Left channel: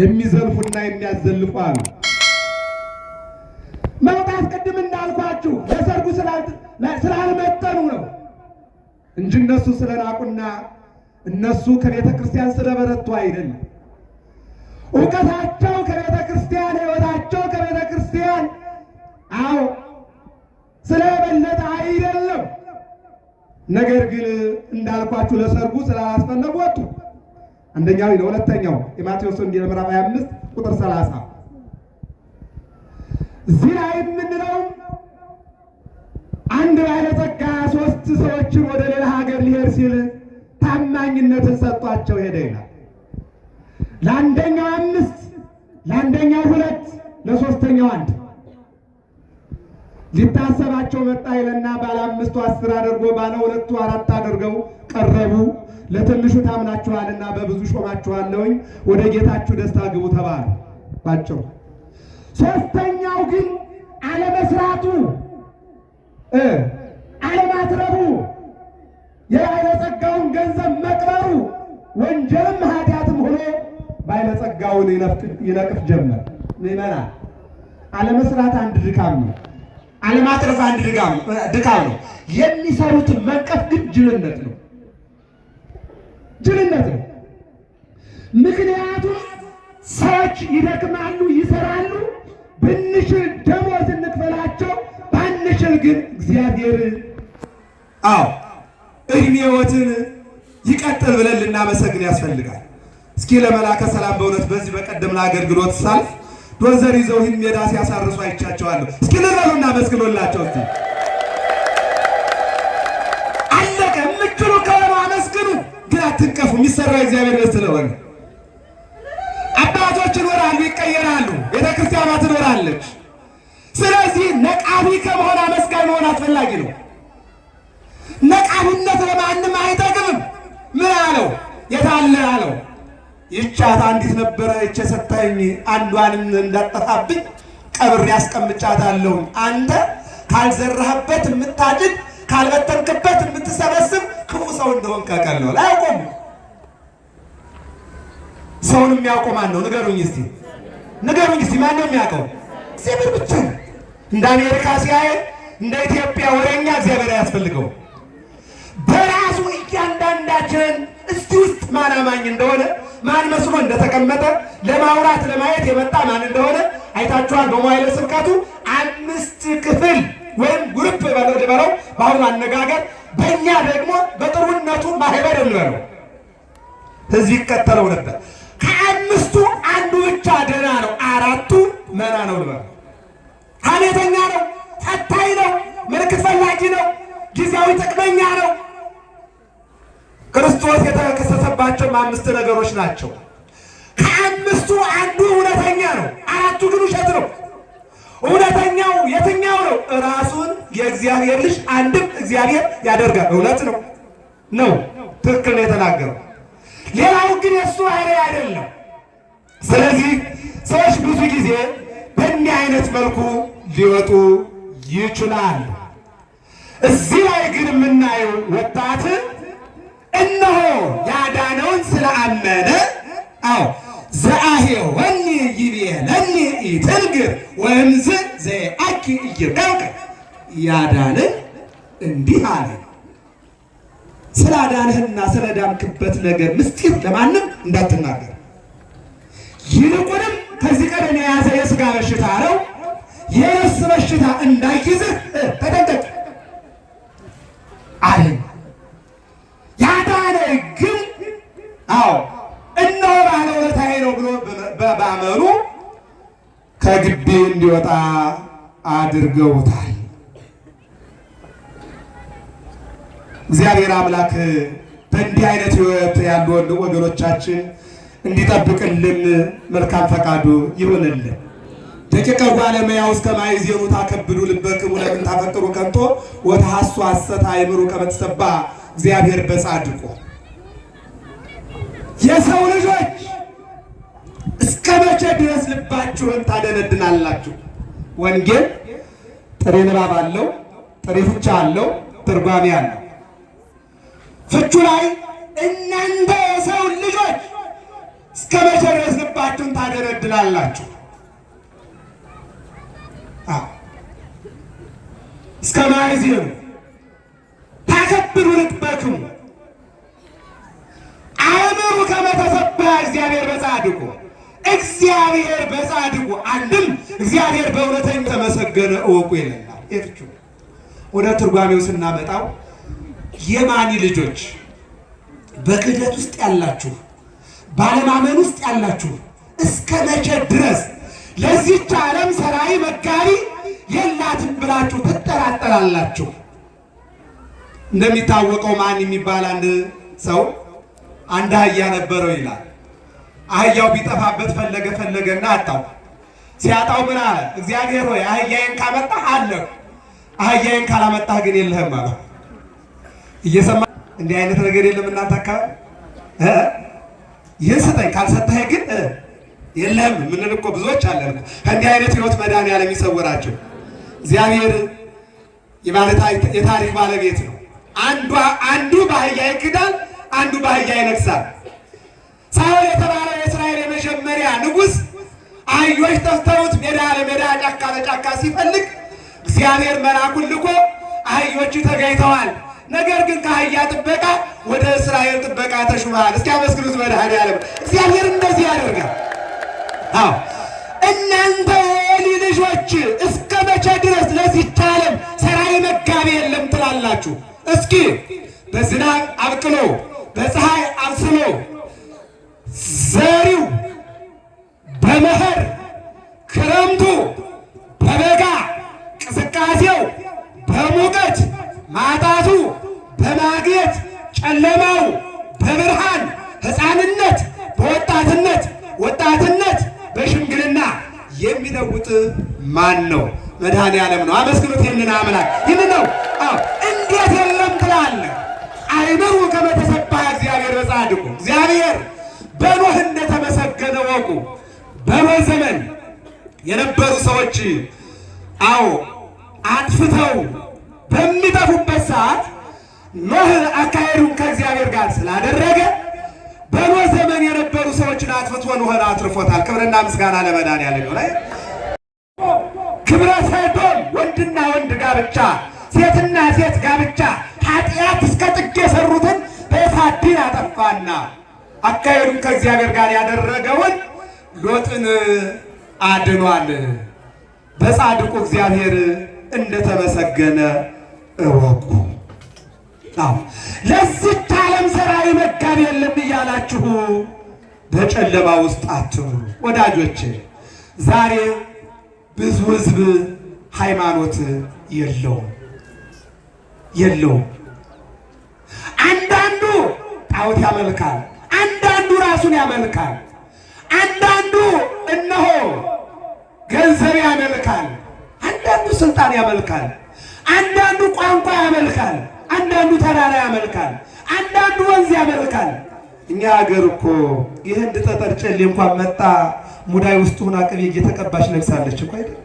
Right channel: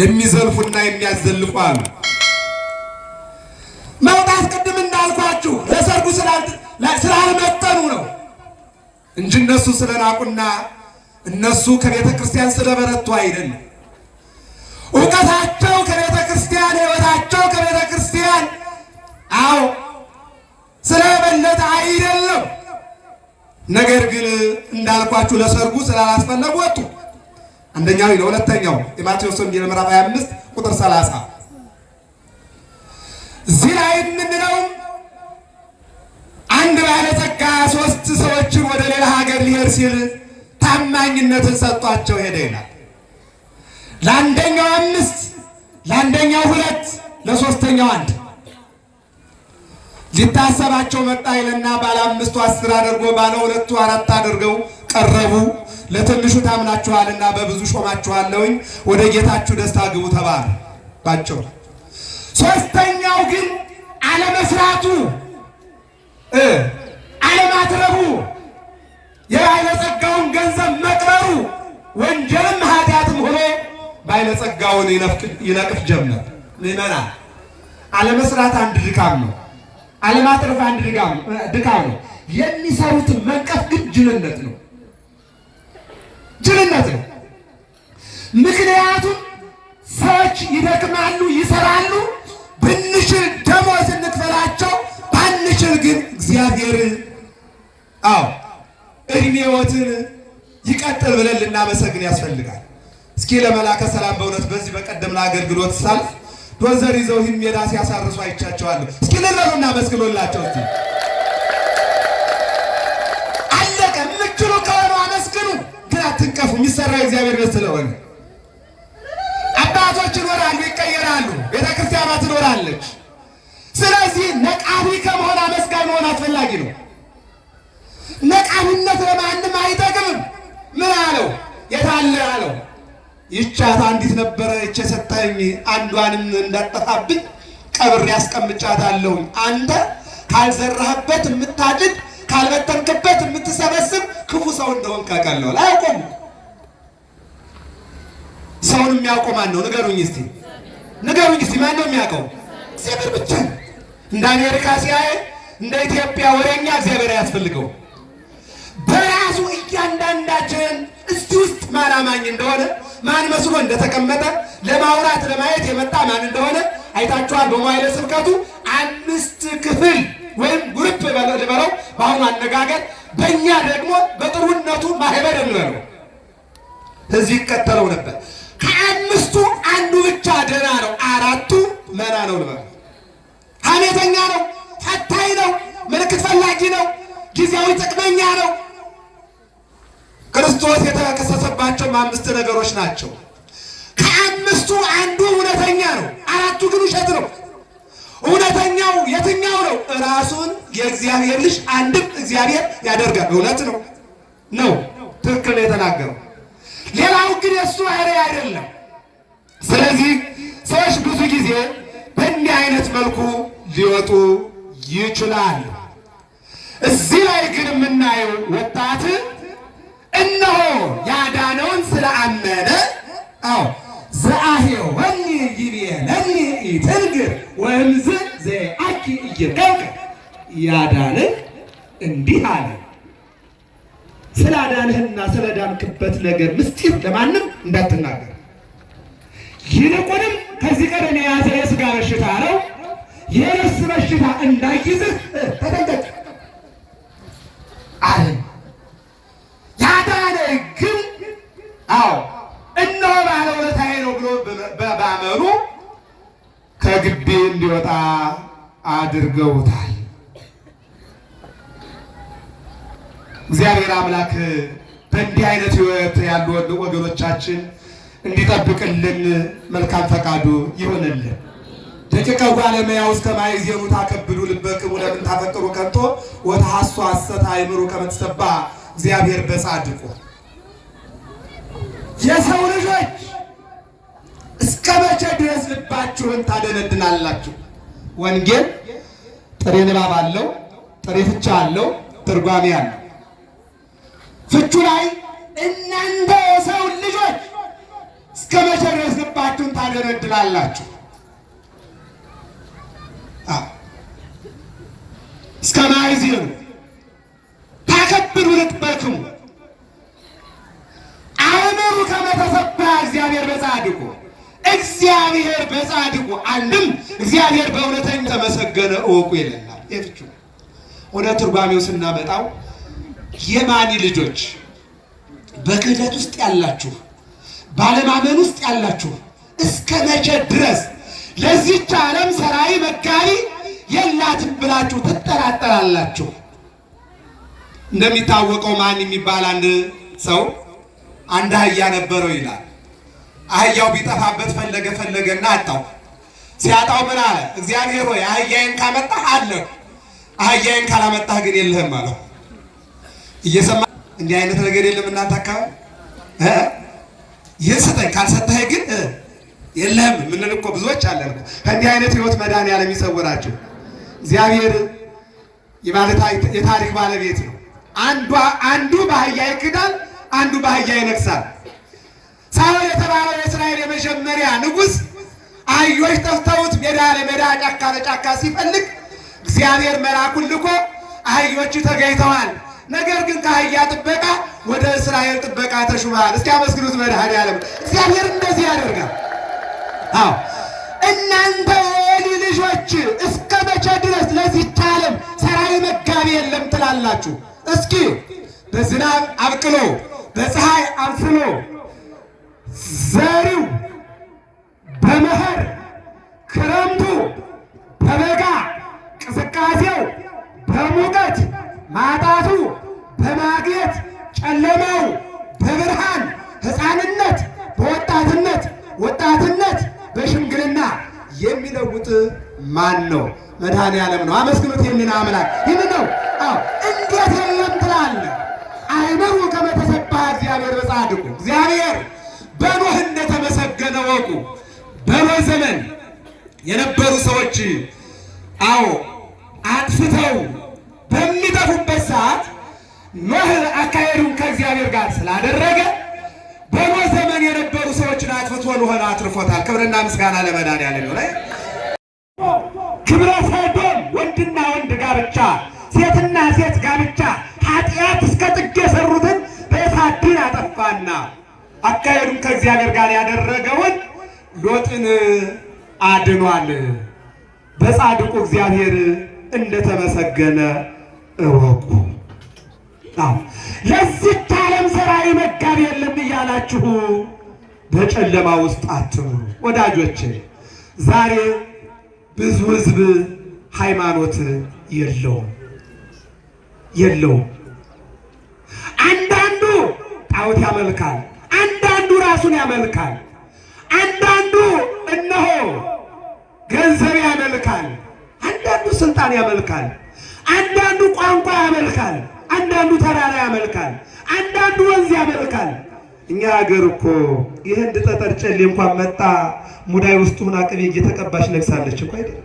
የሚዘልፉና የሚያዘልፉ አሉ። መውጣት ቅድም እንዳልኳችሁ ለሰርጉ ስላልመጠኑ ነው እንጂ እነሱ ስለናቁና እነሱ ከቤተ ክርስቲያን ስለበረቱ አይደለም። እውቀታቸው ከቤተ ክርስቲያን፣ ሕይወታቸው ከቤተ ክርስቲያን ስለበለጠ አይደለም። ነገር ግን እንዳልኳችሁ ለሰርጉ ስላላስፈለጉ ወጡ። አንደኛው ነው። ሁለተኛው የማቴዎስ ወንጌል ምዕራፍ 25 ቁጥር 30 እዚህ ላይ የምንለው አንድ ባለጸጋ 3 ሰዎችን ወደ ሌላ ሀገር ሊሄድ ሲል ታማኝነትን ሰጥቷቸው ሄደ ይላል። ለአንደኛው 5፣ ለአንደኛው 2፣ ለሶስተኛው 1 ሊታሰባቸው መጣ ይልና ባለ 5ቱ 10 አድርጎ ባለ 2ቱ 4 አድርገው ቀረቡ። ለትንሹ ታምናችኋልና በብዙ ሾማችኋለሁኝ፣ ወደ ጌታችሁ ደስታ ግቡ ተባለ ባቸው። ሶስተኛው ግን አለመስራቱ፣ አለማትረቡ፣ የባለጸጋውን ገንዘብ መቅበሩ ወንጀልም ኃጢአትም ሆኖ ባለጸጋውን ይነቅፍ ጀመር። ምዕመናን፣ አለመስራት አንድ ድካም ነው። አለማትረፍ አንድ ድካም ነው። የሚሰሩትን መንቀፍ ግን ጅልነት ነው። ጅልነት ነው። ምክንያቱም ሰዎች ይደክማሉ፣ ይሰራሉ። ብንችል ደሞዝ እንክፈላቸው፣ ባንችል ግን እግዚአብሔር እድሜዎትን ይቀጥል ብለን ልናመሰግን ያስፈልጋል። እስኪ ለመላከ ሰላም በእውነት በዚህ በቀደም ለአገልግሎት ሳልፍ ዶዘር ይዘው ሜዳ ሲያሳርሱ አይቻቸዋለሁ። እስኪ ልበሉና መስግኖላቸው እስቲ አለቀ። የምትችሉ ከሆነ አመስግኑ፣ ግን አትንቀፉ። የሚሰራው እግዚአብሔር ቤት ስለሆነ አባቶች ይኖራሉ፣ ይቀየራሉ፣ ቤተክርስቲያኗ ትኖራለች። ስለዚህ ነቃቢ ከመሆን አመስጋኝ መሆን አስፈላጊ ነው። ነቃቢነት ለማንም አይጠቅምም። ምን አለው? የታለ አለው? ይቻት አንዲት ነበረች የሰጠኝ፣ አንዷንም እንዳጠፋብኝ ቀብሬ ያስቀምጫታለሁ። አንተ ካልዘራህበት የምታጭድ ካልበተንክበት የምትሰበስብ ክፉ ሰው እንደሆን ከቀለው ላይ አቆሙ። ሰውን የሚያውቀው ማን ነው? ንገሩኝ እስቲ፣ ንገሩኝ እስቲ፣ ማን ነው የሚያውቀው? እግዚአብሔር ብቻ። እንደ አሜሪካ ሲያይ እንደ ኢትዮጵያ ወሬኛ እግዚአብሔር አያስፈልገው። በራሱ እያንዳንዳችን እስቲ ውስጥ ማን አማኝ እንደሆነ ማን መስሎ እንደተቀመጠ ለማውራት ለማየት የመጣ ማን እንደሆነ አይታችኋል። በመዋዕለ ስብከቱ 5 ክፍል ወይም ግሩፕ ልበለው በአሁኑ አነጋገር፣ በእኛ ደግሞ በጥሩነቱ ማህበር ልበለው እዚህ ይከተለው ነበር። ከ5ቱ አንዱ ብቻ ደህና ነው፣ 4ቱ መና ነው ልበለው። ሐሜተኛ ነው፣ ፈታኝ ነው፣ ምልክት ፈላጊ ነው፣ ጊዜያዊ ጥቅመኛ ነው። ክርስቶስ የተከሰሰባቸው 5 ነገሮች ናቸው። ከ5ቱ አንዱ እውነተኛ ነው፣ 4ቱ ግን ውሸት ነው። እውነተኛው የትኛው ነው? ራሱን የእግዚአብሔር ልጅ አንድም እግዚአብሔር ያደርጋል። እውነት ነው ነው ትክክል ነው የተናገረው። ሌላው ግን የእሱ አይደለም። ስለዚህ ሰዎች ብዙ ጊዜ በእንዲህ አይነት መልኩ ሊወጡ ይችላል። እዚህ ላይ ግን የምናየው ወጣት እነሆ ያዳነውን ስለአመነ ዘአሄው ወኒ ይቤለኒ ኢትንግር ወንዝ ዘአኪ እየቀውቀ ያዳንህ እንዲህ አለ። ስላዳንህና ስለዳንክበት ነገር ምስጢር ለማንም እንዳትናገር፣ ይልቁንም ከዚህ ቀደም የያዘ የሥጋ በሽታ ነው፣ የነፍስ በሽታ እንዳይይዝህ ተጠንቀቅ አለ። ያዳነህ ግን እነሆ ባለውለታዬ ነው ብሎ በማመኑ ከግቢ እንዲወጣ አድርገውታል። እግዚአብሔር አምላክ በእንዲህ አይነት ሕይወት ያሉ ወገኖቻችን እንዲጠብቅልን መልካም ፈቃዱ ይሆንልን። ደቂቀ ባለሙያው እስከ ማይዜኑ ታከብዱ ልበክሙ ለምን ታፈቅሩ ከንቶ ወተሐሱ ሐሰት አይምሩ ከመትሰባ እግዚአብሔር በጻድቁ። የሰው ልጆች እስከ መቼ ድረስ ልባችሁን ታደነድናላችሁ? ወንጌል ጥሬ ንባብ አለው፣ ጥሬ ፍቻ አለው፣ ትርጓሜ አለው። ፍቹ ላይ እናንተ የሰው ልጆች እስከ መቼ ድረስ ልባችሁን አላችሁ። እስከ ማይዜኑ ታከብሩ ልትበክሙ አእምሩ ከመ ተሰብሐ እግዚአብሔር በጻድቁ እግዚአብሔር በጻድቁ አንድም እግዚአብሔር በእውነተኛ ተመሰገነ እወቁ ይለናል። የፍቹ ወደ ትርጓሜው ስናመጣው የማኒ ልጆች በክህደት ውስጥ ያላችሁ፣ ባለማመን ውስጥ ያላችሁ እስከ መቼ ድረስ ለዚህች ዓለም ሰራይ መጋቢ የላትም ብላችሁ ትጠራጠራላችሁ? እንደሚታወቀው ማን የሚባል አንድ ሰው አንድ አህያ ነበረው ይላል። አህያው ቢጠፋበት ፈለገና አጣው። ሲያጣው ምን አለ? እግዚአብሔር ሆይ አህያዬን ካመጣህ አለሁ፣ አህያዬን ካላመጣህ ግን የለህም አለው። እየሰማ እንዲህ አይነት ነገር የለም እናንተ አካባቢ? ይህን ስጠኝ ካልሰጠህ ግን የለህም የምንል እኮ ብዙዎች አለን። ከእንዲህ አይነት ህይወት መድኃኒዓለም ይሰውራችሁ። እግዚአብሔር የታሪክ ባለቤት ነው። አንዱ በአህያ ይክዳል፣ አንዱ በአህያ ይነግሳል። ሳኦል የተባለው የእስራኤል የመጀመሪያ ንጉሥ አህዮች ጠፍተውት ሜዳ ለሜዳ ጫካ ለጫካ ሲፈልግ እግዚአብሔር መልአኩን ልኮ አህዮቹ ተገኝተዋል፣ ነገር ግን ከአህያ ጥበቃ ወደ እስራኤል ጥበቃ ተሹመሃል። እስኪ አመስግኑት መድኃኒዓለም። እግዚአብሔር እንደዚህ ያደርጋል። እናንተ የኤሊ ልጆች እስከ መቼ ድረስ ለዚህች ዓለም ሰራይ መጋቢ የለም ትላላችሁ? እስኪ በዝናብ አብቅሎ በፀሐይ አብስሎ ዘሪው በመኸር ክረምቱ በበጋ ቅዝቃዜው በሙቀት ማጣቱ በማግኘት ጨለማው በብርሃን ሕፃንነት በወጣትነት ወጣትነት በሽምግልና የሚለውጥ ማን ነው? መድኃኒዓለም ነው። አመስግኑት ይህንን አምላክ። ይህን ነው። እንዴት የለም ትላለህ? አእምሩ ከመ ተሰብሐ እግዚአብሔር በጻድቁ እግዚአብሔር በኖህ እንደተመሰገነ ወቁ። በኖህ ዘመን የነበሩ ሰዎች አጥፍተው በሚጠፉበት ሰዓት ኖህ አካሄዱን ከእግዚአብሔር ጋር ስላደረገ በኖህ ዘመን የነበሩ ሰዎችን አጥፍቶ ኖህን አትርፎታል። ክብርና ምስጋና ለመድኃኒዓለም ይሁን። ክብረ ሰዶም ወንድና ወንድ ጋብቻ፣ ሴትና ሴት ጋብቻ ኃጢአት እስከ ጥግ የሰሩትን በእሳት ዲን አጠፋና አካሄዱን ከእግዚአብሔር ጋር ያደረገውን ሎጥን አድኗል። በጻድቁ እግዚአብሔር እንደተመሰገነ እወቁ። ለዚህች ዓለም ሰራይ መጋቢ የለም እያላችሁ በጨለማ ውስጥ አትኑሩ ወዳጆቼ። ዛሬ ብዙ ሕዝብ ሃይማኖት የለውም። አንዳንዱ ጣዖት ያመልካል፣ አንዳንዱ ራሱን ያመልካል፣ አንዳንዱ እነሆ ገንዘብ ያመልካል፣ አንዳንዱ ስልጣን ያመልካል፣ አንዳንዱ ቋንቋ ያመልካል፣ አንዳንዱ ተራራ ያመልካል፣ አንዳንዱ ወንዝ ያመልካል። እኛ ሀገር እኮ የህንድ ጠጠር ጨሌ እንኳን መጣ ሙዳይ ውስጥ ሆና ቅቤ እየተቀባች ነግሳለች እኮ አይደል?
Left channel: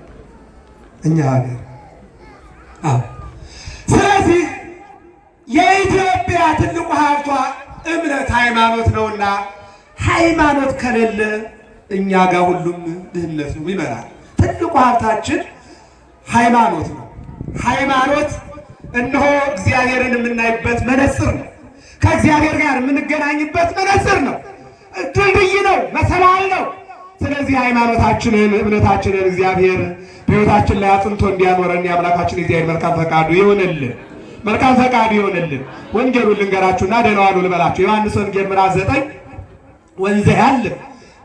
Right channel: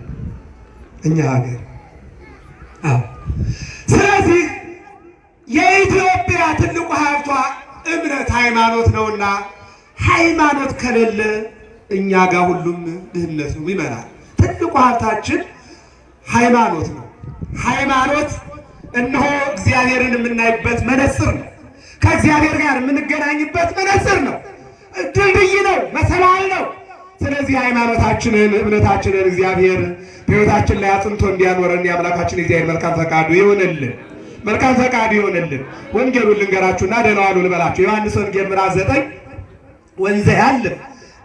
እኛ ሀገር። ስለዚህ የኢትዮጵያ ትልቁ ሀብቷ እምነት ሃይማኖት ነውና ሃይማኖት ከሌለ እኛ ጋር ሁሉም ድህነት ነው ይመራል። ትልቁ ሀብታችን ሃይማኖት ነው። ሃይማኖት እነሆ እግዚአብሔርን የምናይበት መነጽር ነው። ከእግዚአብሔር ጋር የምንገናኝበት መነጽር ነው። ድልድይ ነው፣ መሰላል ነው። ስለዚህ ሃይማኖታችንን እምነታችንን እግዚአብሔር በሕይወታችን ላይ አጽንቶ እንዲያኖረን የአምላካችን እግዚአብሔር መልካም ፈቃዱ ይሆንልን። መልካም ፈቃዱ ይሆንልን። ወንጌሉን ልንገራችሁና ደህና ዋሉ ልበላችሁ። ዮሐንስ ወንጌል ምዕራፍ 9 ወንዘ ያለ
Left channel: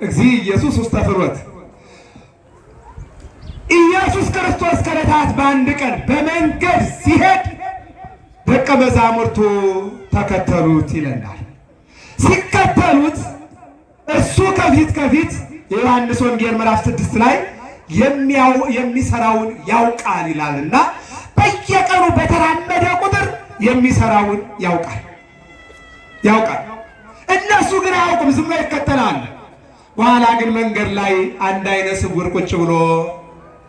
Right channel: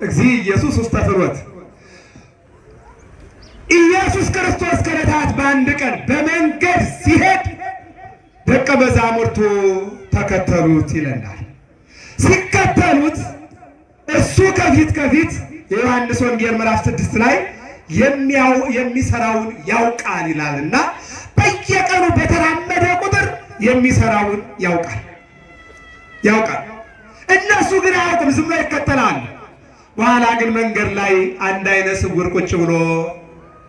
እግዚእ ኢየሱስ ውስተ ፍኖት ኢየሱስ ክርስቶስ ከዕለታት በአንድ ቀን በመንገድ ሲሄድ ደቀ መዛሙርቱ ተከተሉት ይለናል። ሲከተሉት እሱ ከፊት የዮሐንስ ወንጌል ምዕራፍ 6 ላይ የሚሰራውን ያውቃል ይላልና በየቀኑ በተራመደ ቁጥር የሚሰራውን ያውቃል። እነሱ ግን አያውቁም፣ ዝም ብለው ይከተላሉ። በኋላ ግን መንገድ ላይ አንድ አይነ ስውር ቁጭ ብሎ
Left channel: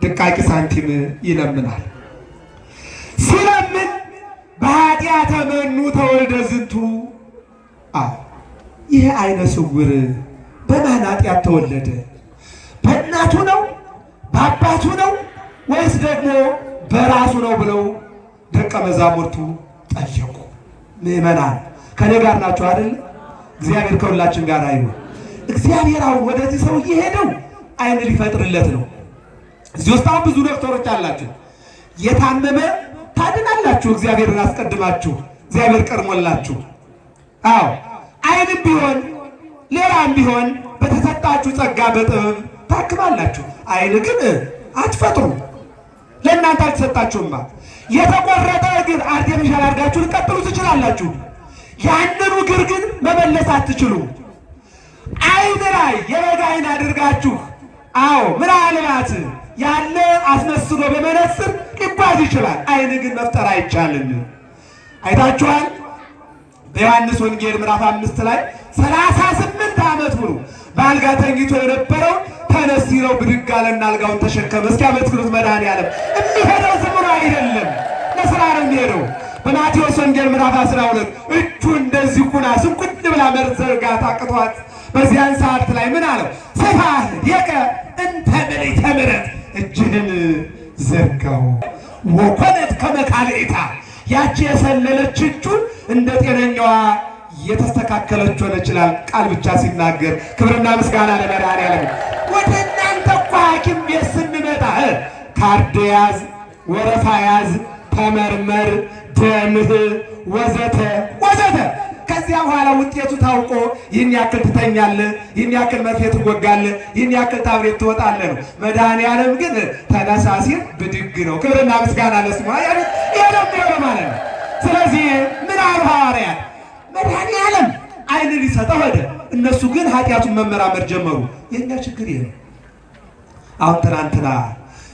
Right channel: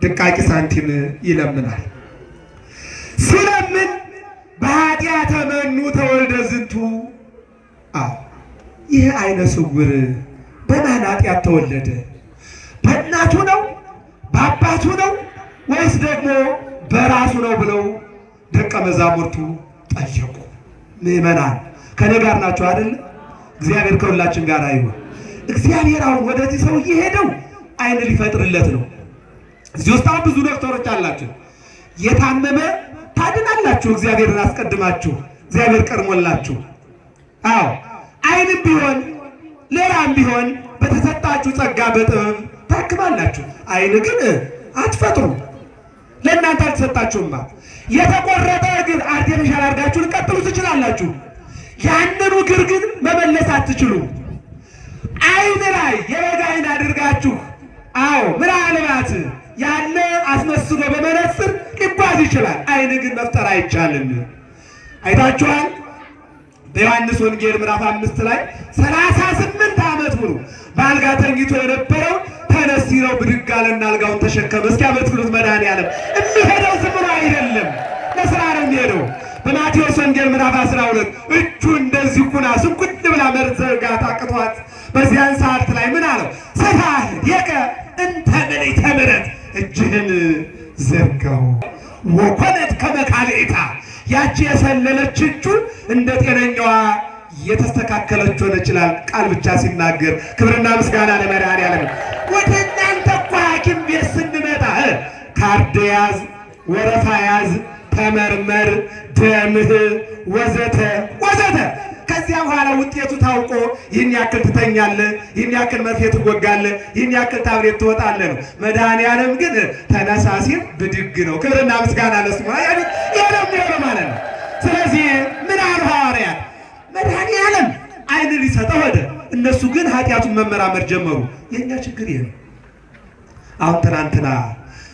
ድቃቂ ሳንቲም ይለምናል። ሲለምን በኃጢአተ መኑ ተወልደ ዝንቱ። ይህ አይነ ስውር በማን ኃጢአት ተወለደ? በእናቱ ነው በአባቱ ነው ወይስ ደግሞ በራሱ ነው ብለው ደቀ መዛሙርቱ ጠየቁ። ምዕመናን ከኔ ጋር ናቸው አይደል? እግዚአብሔር ከሁላችን ጋር ይሁን። እግዚአብሔር አሁን ወደዚህ ሰው እየሄደው አይን ሊፈጥርለት ነው። እዚህ ውስጥ ብዙ ዶክተሮች አላችሁ። የታመመ ታድናላችሁ። እግዚአብሔርን አስቀድማችሁ እግዚአብሔር ቀድሞላችሁ። አዎ አይንም ቢሆን ሌላም ቢሆን በተሰጣችሁ ጸጋ በጥበብ ታክማላችሁ። አይን ግን አትፈጥሩ፣ ለእናንተ አልተሰጣችሁማ። የተቆረጠ እግር አርቲፊሻል አድርጋችሁ ልቀጥሉ ትችላላችሁ። ያንኑ እግር ግን መመለስ አትችሉ። አይን ላይ የበግ አይን አድርጋችሁ አዎ ምናልባት ያለ አስመስሎ በመነጽር ሊጓዝ ይችላል። አይን ግን መፍጠር አይቻልም። አይታችኋል። በዮሐንስ ወንጌል ምዕራፍ 5 ላይ 38 ዓመት ሙሉ በአልጋ ተኝቶ የነበረው ተነስ ሲለው ብድግ አለና አልጋውን ተሸከመ። እስኪ አመስግኑት መድኃኒዓለም። የሚሄደው ዝም ብሎ አይደለም፣ ለስራ ነው የሚሄደው። በማቴዎስ ወንጌል ምዕራፍ 12 እጁ እንደዚህ ኩና ስንኩል ብላ መዘርጋት አቅቷት በዚያን ሰዓት ላይ ምን አለው? ሰፋህ የቀ እንተ ምልዕተ ምሕረት፣ እጅህን ዘርጋው። ወኮነት ከመ ካልእታ፣ ያቺ የሰለለች እጁ እንደ ጤነኛዋ የተስተካከለች ሆነ ይችላል። ቃል ብቻ ሲናገር ክብርና ምስጋና ለመድኃኒዓለም። ወደ እናንተ እኮ ሐኪም ቤት ስንመጣ ካርድ ያዝ፣ ወረፋ ያዝ፣ ተመርመር፣ ደምህ ወዘተ ወዘተ። ከዚያ በኋላ ውጤቱ ታውቆ ይህን ያክል ትተኛለህ፣ ይህን ያክል መርፌ ትወጋለህ፣ ይህን ያክል ታብሌት ትወጣለህ ነው። መድኃኒዓለም ግን ተነሳ ሲል ብድግ ነው። ክብርና ምስጋና ለስሙ። ይሄ ነው የሚሆነው ማለት ነው። ስለዚህ ምን አሉ ሐዋርያት? መድኃኒዓለም አይን ሊሰጠው ሄደ፣ እነሱ ግን ኃጢአቱን መመራመር ጀመሩ። የእኛ ችግር ይሄ ነው። አሁን ትናንትና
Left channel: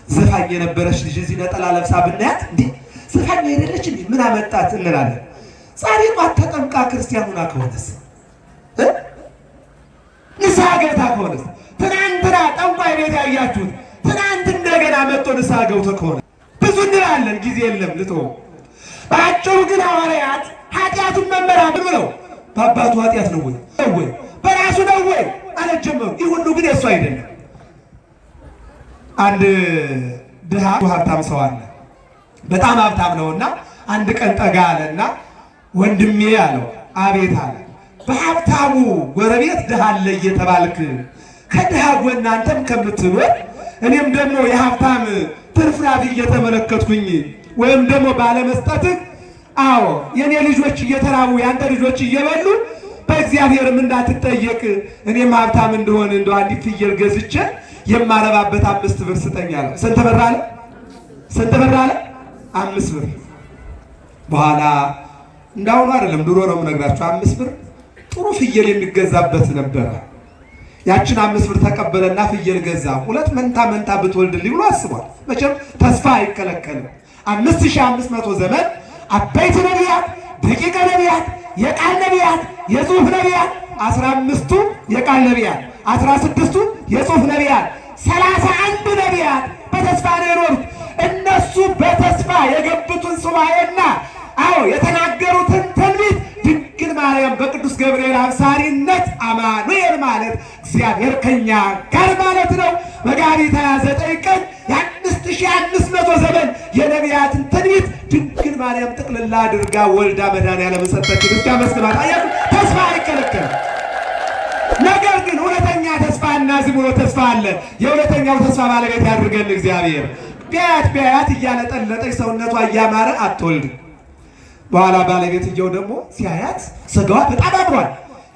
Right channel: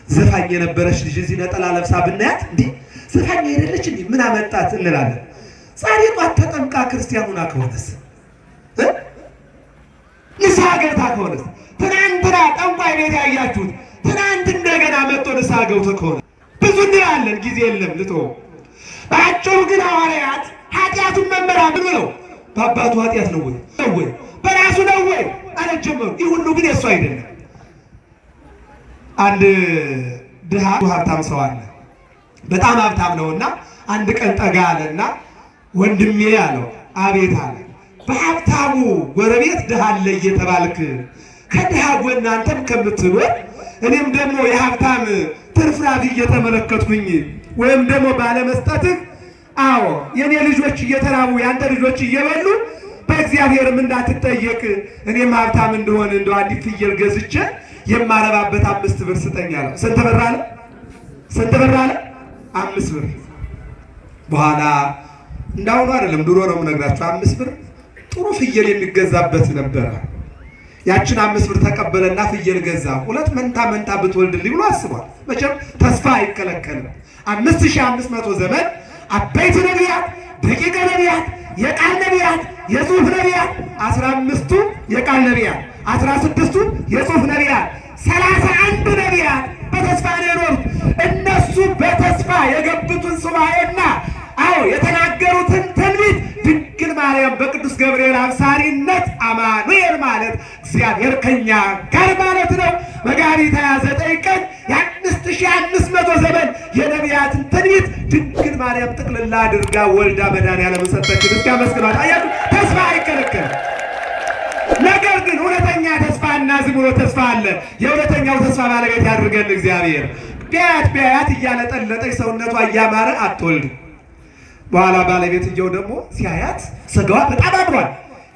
ዘፋኝ የነበረች ልጅ እዚህ ነጠላ ለብሳ ብናያት እንዲህ ዘፋኝ አይደለች እንዲህ ምን አመጣት እንላለን። ዛሬ ጧት ተጠምቃ ክርስቲያን ሆና ከሆነስ ንስሐ ገብታ ከሆነስ ትናንትና ጠንቋይ ቤት ያያችሁት ትናንት እንደገና መጥቶ ንስሐ ገብቶ ከሆነ ብዙ እንላለን። ጊዜ የለም ልተው። በአጭሩ ግን ሐዋርያት ኃጢአቱን መመራመር ብለው በአባቱ ኃጢአት ነው ወይ በራሱ ነው ወይ ማለት ጀመሩ። ይህ ሁሉ ግን የእሱ አይደለም። አንድ ድሃ ሀብታም ሰው አለ። በጣም ሀብታም ነውና አንድ ቀን ጠጋ አለና ወንድሜ አለው። አቤት አለ። በሀብታሙ ጎረቤት ድሃ አለ እየተባልክ ከድሃ ጎን አንተም ከምትኖር እኔም ደግሞ የሀብታም ትርፍራፊ እየተመለከትኩኝ ወይም ደግሞ ባለመስጠትህ አዎ የኔ ልጆች እየተራቡ ያንተ ልጆች እየበሉ በእግዚአብሔርም እንዳትጠየቅ እኔም ሀብታም እንደሆነ እንደው አንዲት ፍየል ገዝቼ የማረባበት 5 ብር ስጠኝ አለው። ስንት ብር አለ? ስንት ብር አለ? 5 ብር። በኋላ እንዳሁኑ አይደለም፣ ድሮ ነው የምነግራችሁ። 5 ብር ጥሩ ፍየል የሚገዛበት ነበረ። ያችን 5 ብር ተቀበለና ፍየል ገዛ። 2 መንታ ብትወልድልኝ ብሎ አስቧል። መቼም ተስፋ አይከለከልም። 5500 ዘመን አበይት ነቢያት፣ ደቂቀ ነቢያት፣ የቃል ነቢያት፣ የጽሑፍ ነቢያት 15ቱ የቃል ነቢያት፣ 16ቱ የጽሑፍ ነቢያት፣ 31 ነቢያት በተስፋ ነው የኖሩት። እነሱ በተስፋ የገቡትን ሱባኤና አዎ የተናገሩትን ትንቢት ድንግል ማርያም በቅዱስ ገብርኤል አብሳሪነት አማኑኤል ማለት እግዚአብሔር ከኛ ጋር ማለት ነው። መጋቢት 29 ቀን የ5500 ዘመን የነቢያትን ትንቢት ድንግል ማርያም ጥቅልላ አድርጋ ወልዳ መድኃኒዓለም ሰጠችን። እስኪ አመስግኗት። አያችሁ፣ ተስፋ አይከለከልም። ነገር ግን እውነተኛ ተስፋና ዝም ብሎ ተስፋ አለ። የእውነተኛው ተስፋ ባለቤት ያድርገን እግዚአብሔር። ቢያያት እያለጠለጠች ሰውነቷ እያማረ አትወልድም። በኋላ ባለቤትየው ደግሞ ሲያያት ስጋዋ በጣም አምሯል።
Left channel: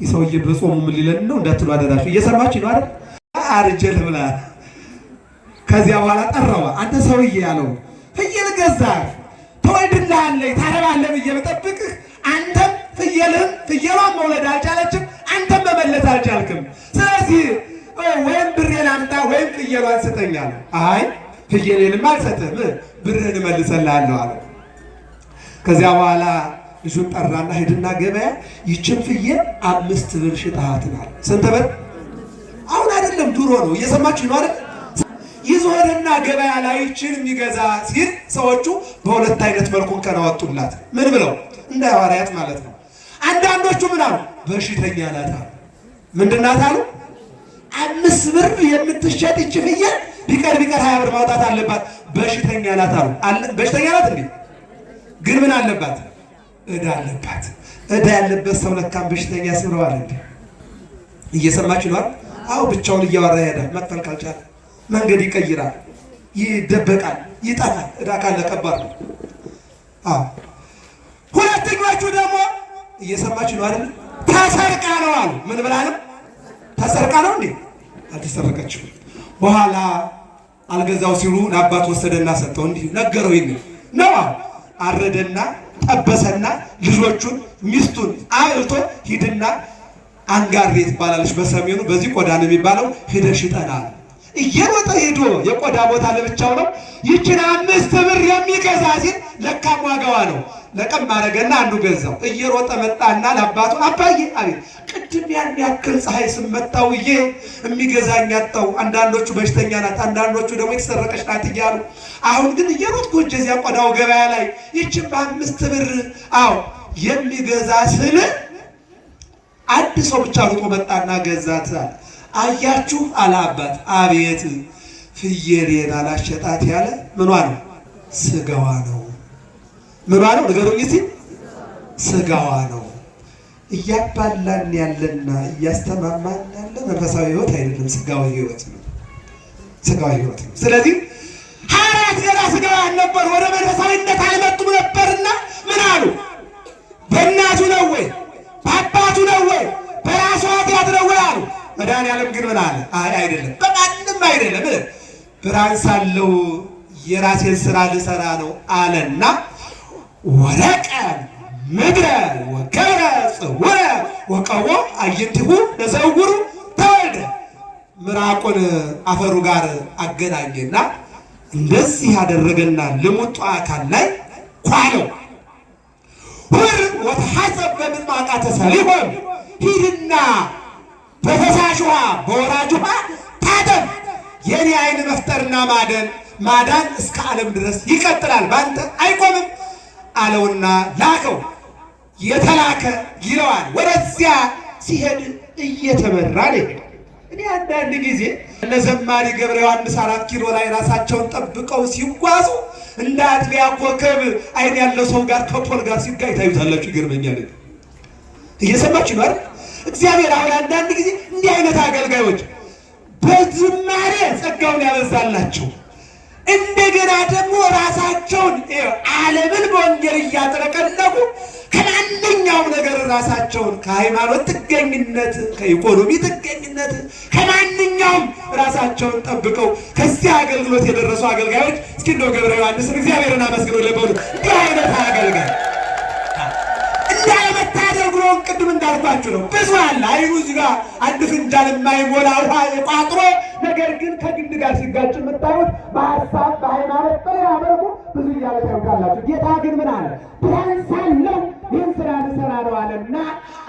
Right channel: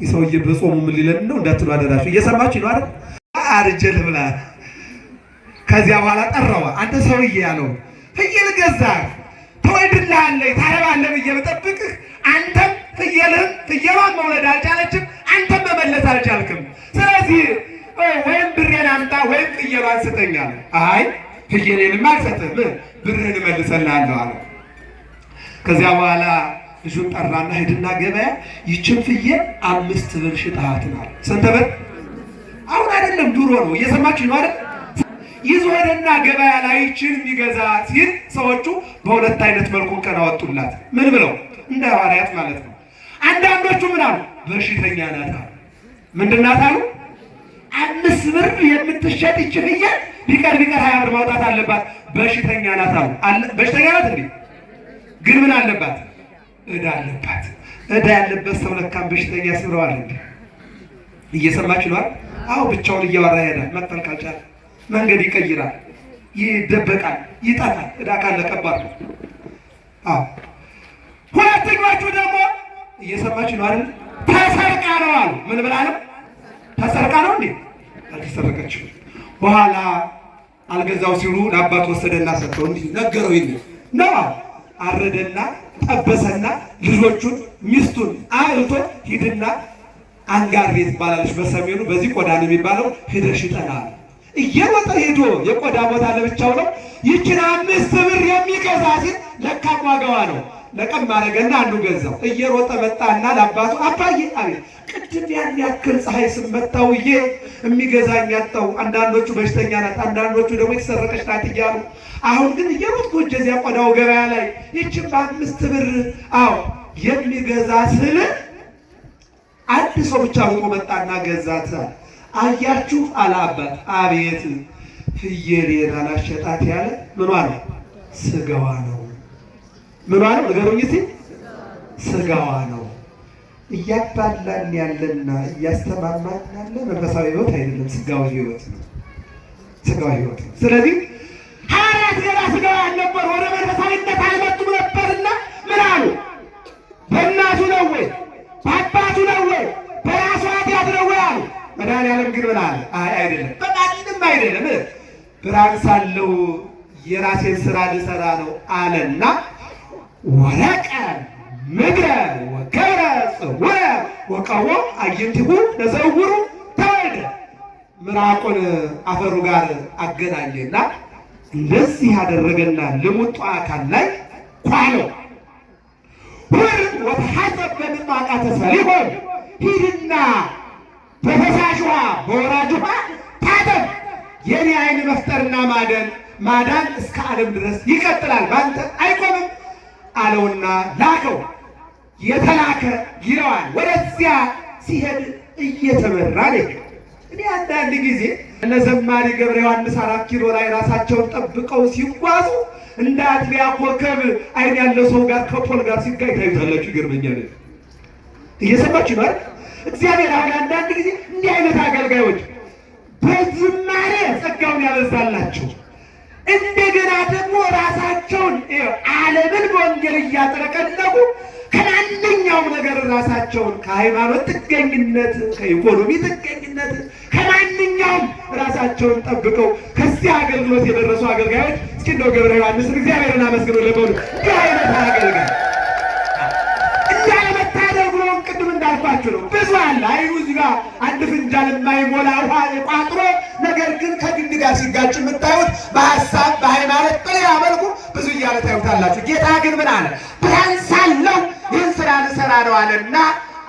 የሰውዬ በጾሙ ምን ሊለን ነው እንዳትሉ አደራችሁ። እየሰማች ነው አይደል? አርጀል ብላ ከዚያ በኋላ ጠራዋ። አንተ ሰውዬ ያለው ፍየል ገዛህ ትወልድልሃለች ታረባለህ ብዬ ብጠብቅህ አንተም ፍየሏን መውለድ አልቻለችም፣ አንተም መመለስ አልቻልክም። ስለዚህ ወይም ብሬን አምጣ ወይም ፍየሏን ስጠኝ አለ። አይ ፍየሌንም አልሰጥህም ብርህን እመልስልሃለሁ አለው። ከዚያ በኋላ ልጁን ጠራና ሂድና ገበያ ይችን ፍየል 5 ብር ሽጣሃትን አለ። ስንት ብር? አሁን አይደለም ድሮ ነው። እየሰማችሁ ነው አይደል? ይዞ ሄደና ገበያ ላይ ይችን የሚገዛ ሲል ሰዎቹ በሁለት አይነት መልኩ ከናወጡላት። ምን ብለው? እንደ ሐዋርያት ማለት ነው። አንዳንዶቹ ምን አሉ? በሽተኛ ናት አሉ። ምንድን ናት አሉ? 5 ብር የምትሸጥ ይህች ፍየል ቢቀር 20 ብር ማውጣት አለባት። በሽተኛ ናት አሉ። በሽተኛ ናት እንዴ? ግን ምን አለባት? ዕዳ አለባት። ዕዳ ያለበት ሰው ለካም በሽተኛ ያስብለዋል እንዴ? እየሰማችሁ ነው? አዎ ብቻውን እያወራ ይሄዳል። መክፈል ካልቻለ መንገድ ይቀይራል፣ ይደበቃል፣ ይጠፋል። ዕዳ ካለ ከባድ ነው። አዎ ሁለተኞቹ ደግሞ እየሰማችሁ ነው አይደል? ተሰርቃ ነው አሉ። ምን ብላ ነው? ተሰርቃ ነው እንዴ? አልተሰረቀችም። በኋላ አልገዛው ሲሉ ለአባት ወሰደና ሰጠው። እንዲህ ነገረው። ይል ነው አረደና ጠበሰና ልጆቹን ሚስቱን አልቶ ሂድና አንጋር ቤት ባላለች በሰሜኑ በዚህ ቆዳ ነው የሚባለው ሄደሽ ሽጠናል። እየሮጠ ሄዶ የቆዳ ቦታ ለብቻው ነው። ይችን 5 ብር የሚገዛ ሲል ለካም ዋጋዋ ነው። ለቀም ማረገና አንዱ ገዛው። እየሮጠ መጣና ለአባቱ አባዬ፣ አቤት፣ ቅድም ያን ያክል ፀሐይ ስመታውዬ የሚገዛኝ አጣው። አንዳንዶቹ በሽተኛ ናት፣ አንዳንዶቹ ደግሞ የተሰረቀች ናት እያሉ አሁን ግን እየሮጥኩ እዚያ ቆዳው ገበያ ላይ ይችን በ5 ብር አዎ የሚገዛ ስል አንድ ሰው ብቻ ሮጦ መጣና ገዛት። አያችሁ አለ አባት። አቤት፣ ፍየሌን አላሸጣት ያለ ምኗ ነው? ስጋዋ ነው። ምኗ ነው? ንገሩኝ እስኪ። ስጋዋ ነው። እያባላን ያለና እያስተማማን ያለ መንፈሳዊ ሕይወት አይደለም፣ ስጋዊ ሕይወት ነው። ስጋዊ ሕይወት ነው። ስለዚህ ሐዋርያት ገና ስጋውያን ነበሩ፣ ወደ መንፈሳዊነት አልመጡም ነበርና ምን አሉ? በእናቱ ነው ወይ በአባቱ ነው ወይ በራሱ ኃጢአት ነው ወይ አሉ። መድኃኒዓለም ግን ምን አለ? አይ አይደለም፣ በማንም አይደለም፣ ብርሃን ሳለው የራሴን ስራ ልሰራ ነው አለና ወረቀ ምድረ ወገረ ጽውረ ወቀዎ አዕይንቲሁ ለዘዕውሩ ተወልደ። ምራቁን አፈሩ ጋር አገናኘና እንደዚህ ያደረገና ልሙጡ አካል ላይ ኳለው። ሁር ወተሐሰብ በምጥማቃተ ሰሊሆም፣ ሂድና በፈሳሽ ውሃ በወራጅ ውሃ ታጠብ። የኔ አይን መፍጠርና ማዳን እስከ ዓለም ድረስ ይቀጥላል፣ በአንተ አይቆምም አለውና ላከው። የተላከ ይለዋል። ወደዚያ ሲሄድ እየተመራ ነው። እኔ አንዳንድ ጊዜ እነ ዘማሪ ገብረ ዮሐንስ 4 ኪሎ ላይ ራሳቸውን ጠብቀው ሲጓዙ እንደ አጥቢያ ኮከብ አይን ያለው ሰው ጋር ከፖል ጋር ሲጋይ ታዩታላችሁ። ይገርመኛል። እየሰማችሁ ነው። እግዚአብሔር አሁን አንዳንድ ጊዜ እንዲህ አይነት አገልጋዮች በዝማሬ ጸጋውን ያበዛላቸው እንደገና ደግሞ ራሳቸውን ዓለምን በወንጌል እያጥለቀለቁ ከማንኛውም ነገር ራሳቸውን ከሃይማኖት ጥገኝነት፣ ከኢኮኖሚ ጥገኝነት፣ ከማንኛውም ራሳቸውን ጠብቀው ከዚህ አገልግሎት የደረሱ አገልጋዮች እስኪ እንደው ገብረ ዮሐንስን እግዚአብሔርን አመስግኖ ለበሉ። እንዲህ አይነት አገልጋይ እንዲህ አይነት ታደርጉን ቅድም እንዳልኳችሁ ነው። ብዙ አለ። አይኑ እዚህ ጋር አንድ ፍንጃል የማይሞላ ውሃ የቋጥሮ ነገር ግን ከግንድ ጋር ሲጋጭ የምታዩት በሀሳብ በሃይማኖት በሌላ መልኩ ብዙ እያለ ታዩታላችሁ። ጌታ ግን ምን አለ? ብርሃን ሳለው ይህን ስራ ልሰራ ነው አለና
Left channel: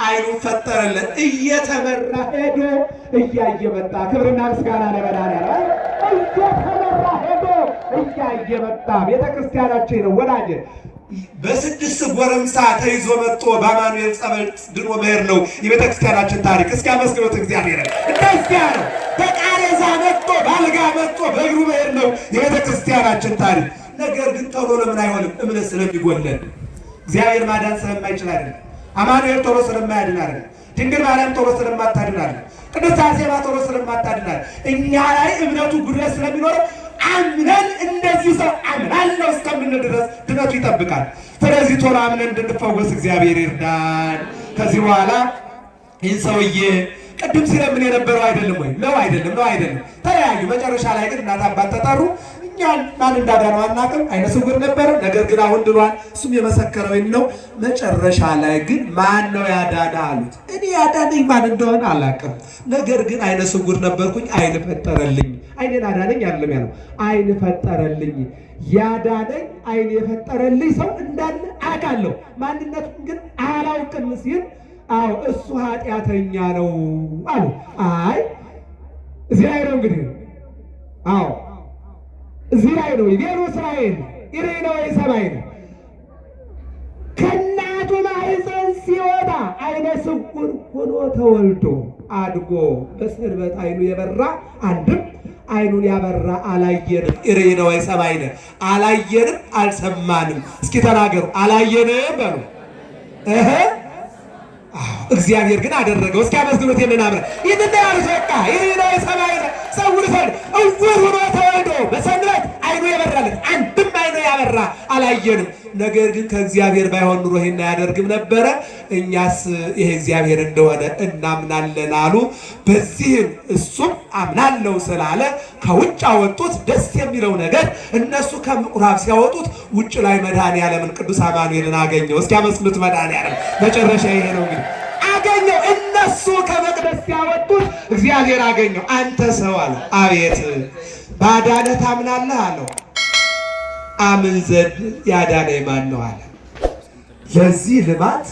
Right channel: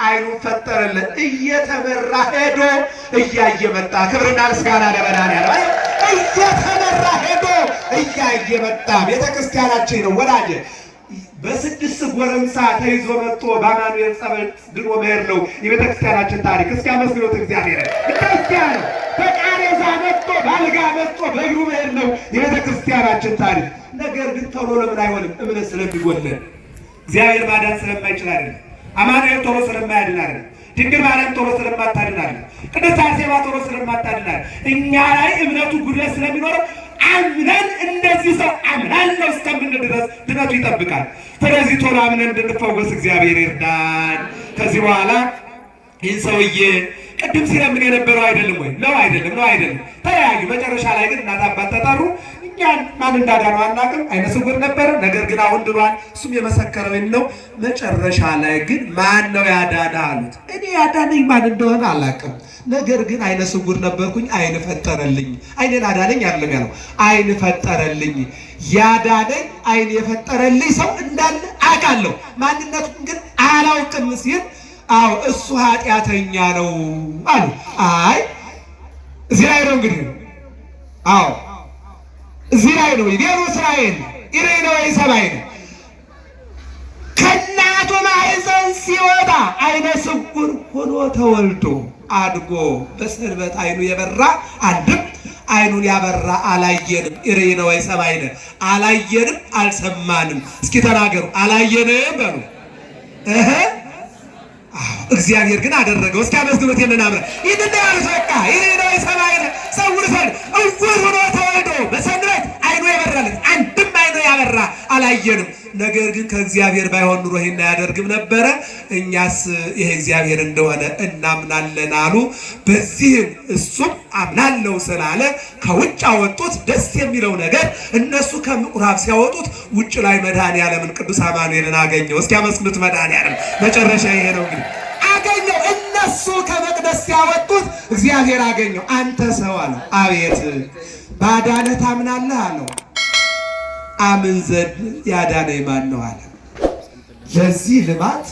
አይኑን ፈጠረለት። እየተመራ ሄዶ እያየ መጣ። ክብርና ምስጋና ለመድኃኒዓለም። እየተመራ ሄዶ እያየ መጣ። ቤተክርስቲያናችን ነው ወዳጄ። በ6 ጎረምሳ ተይዞ መጥቶ በአማኑኤል ጸበል ድኖ መሄድ ነው የቤተክርስቲያናችን ታሪክ። እስኪ አመስግኑት እግዚአብሔር። እንደዚያ ነው። በቃሬዛ መጥቶ ባልጋ መጥቶ በእግሩ መሄድ ነው የቤተክርስቲያናችን ታሪክ። ነገር ግን ቶሎ ለምን አይሆንም? እምነት ስለሚጎለን፣ እግዚአብሔር ማዳን ስለማይችል አይደለም። አማኑኤል ቶሎ ስለማያድን አይደለም። ድንግል ማርያም ቶሎ ስለማታድን አይደለም። ቅድስት አርሴማ ቶሎ ስለማታድን አይደለም። እኛ ላይ እምነቱ ጉድለት ስለሚኖረው አምነን እንደዚህ ሰው አምናለሁ እስከምንል ድረስ ድነቱ ይጠብቃል። ስለዚህ ቶሎ አምነን እንድንፈወስ እግዚአብሔር ይርዳን። ከዚህ በኋላ ይህን ሰውዬ ቅድም ሲለምን የነበረው አይደለም ወይ? ነው አይደለም፣ ነው አይደለም። ተለያዩ። መጨረሻ ላይ ግን እናት አባት ተጠሩ። እኛን ማን እንዳዳነው አናውቅም። አይነ ስውር ነበር፣ ነገር ግን አሁን ድኗል። እሱም የመሰከረው ነው። መጨረሻ ላይ ግን ማን ነው ያዳነ አሉት። እኔ ያዳነኝ ማን እንደሆነ አላውቅም፣ ነገር ግን አይነ ስውር ነበርኩኝ፣ አይን ፈጠረልኝ። አይኔን አዳነኝ አይደለም ያለው፣ አይን ፈጠረልኝ። ያዳነኝ አይን የፈጠረልኝ ሰው እንዳለ አውቃለሁ፣ ማንነቱን ግን አላውቅም ሲል አዎ እሱ ኃጢአተኛ ነው አሉ። አይ እዚህ ላይ ነው እንግዲህ፣ አዎ እዚህ ላይ ነው። ይቤሩ እስራኤል ኢሬ ነው ሰማይ ነው። ከእናቱ ማህፀን ሲወጣ አይነ ስውር ሆኖ ተወልዶ አድጎ በሰንበት አይኑ የበራ አንድም አይኑን ያበራ አላየንም። ኢሬነ ወይ ሰማይነ አላየንም አልሰማንም። እስኪ ተናገሩ አላየንም በሉ። እግዚአብሔር ግን አደረገው። እስኪ አመስግኑት። የነናምረ ይድና ያሉት በቃ ኢሬነ ወይ ሰማይነ ሰውር ሰን እውር ሆኖ ተወልዶ በሰንበት አይኑ የበራለት አንድም አይኑ ያበራ አላየንም። ነገር ግን ከእግዚአብሔር ባይሆን ኑሮ ይሄን አያደርግም ነበረ። እኛስ ይሄ እግዚአብሔር እንደሆነ እናምናለን አሉ። በዚህም እሱም አምናለው ስላለ ከውጭ አወጡት። ደስ የሚለው ነገር እነሱ ከምኩራብ ሲያወጡት ውጭ ላይ መድኃኔዓለምን ቅዱስ አማኑኤልን አገኘው። እስኪ አመስግኑት መድኃኔዓለም። መጨረሻ ይሄ ነው እንግዲህ አገኘው። እነሱ ከመቅደስ ሲያወጡት እግዚአብሔር አገኘው። አንተ ሰው አለ። አቤት ባዳነህ ታምናለህ አለው። አምን ዘንድ ያዳነኝ ማን ነው አለ። ለዚህ ልማት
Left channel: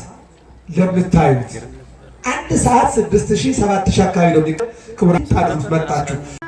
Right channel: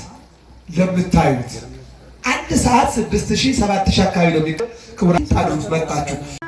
ለምታዩት 1 ሰዓት 6000 7000 አካባቢ ነው። ክቡራን መጣችሁ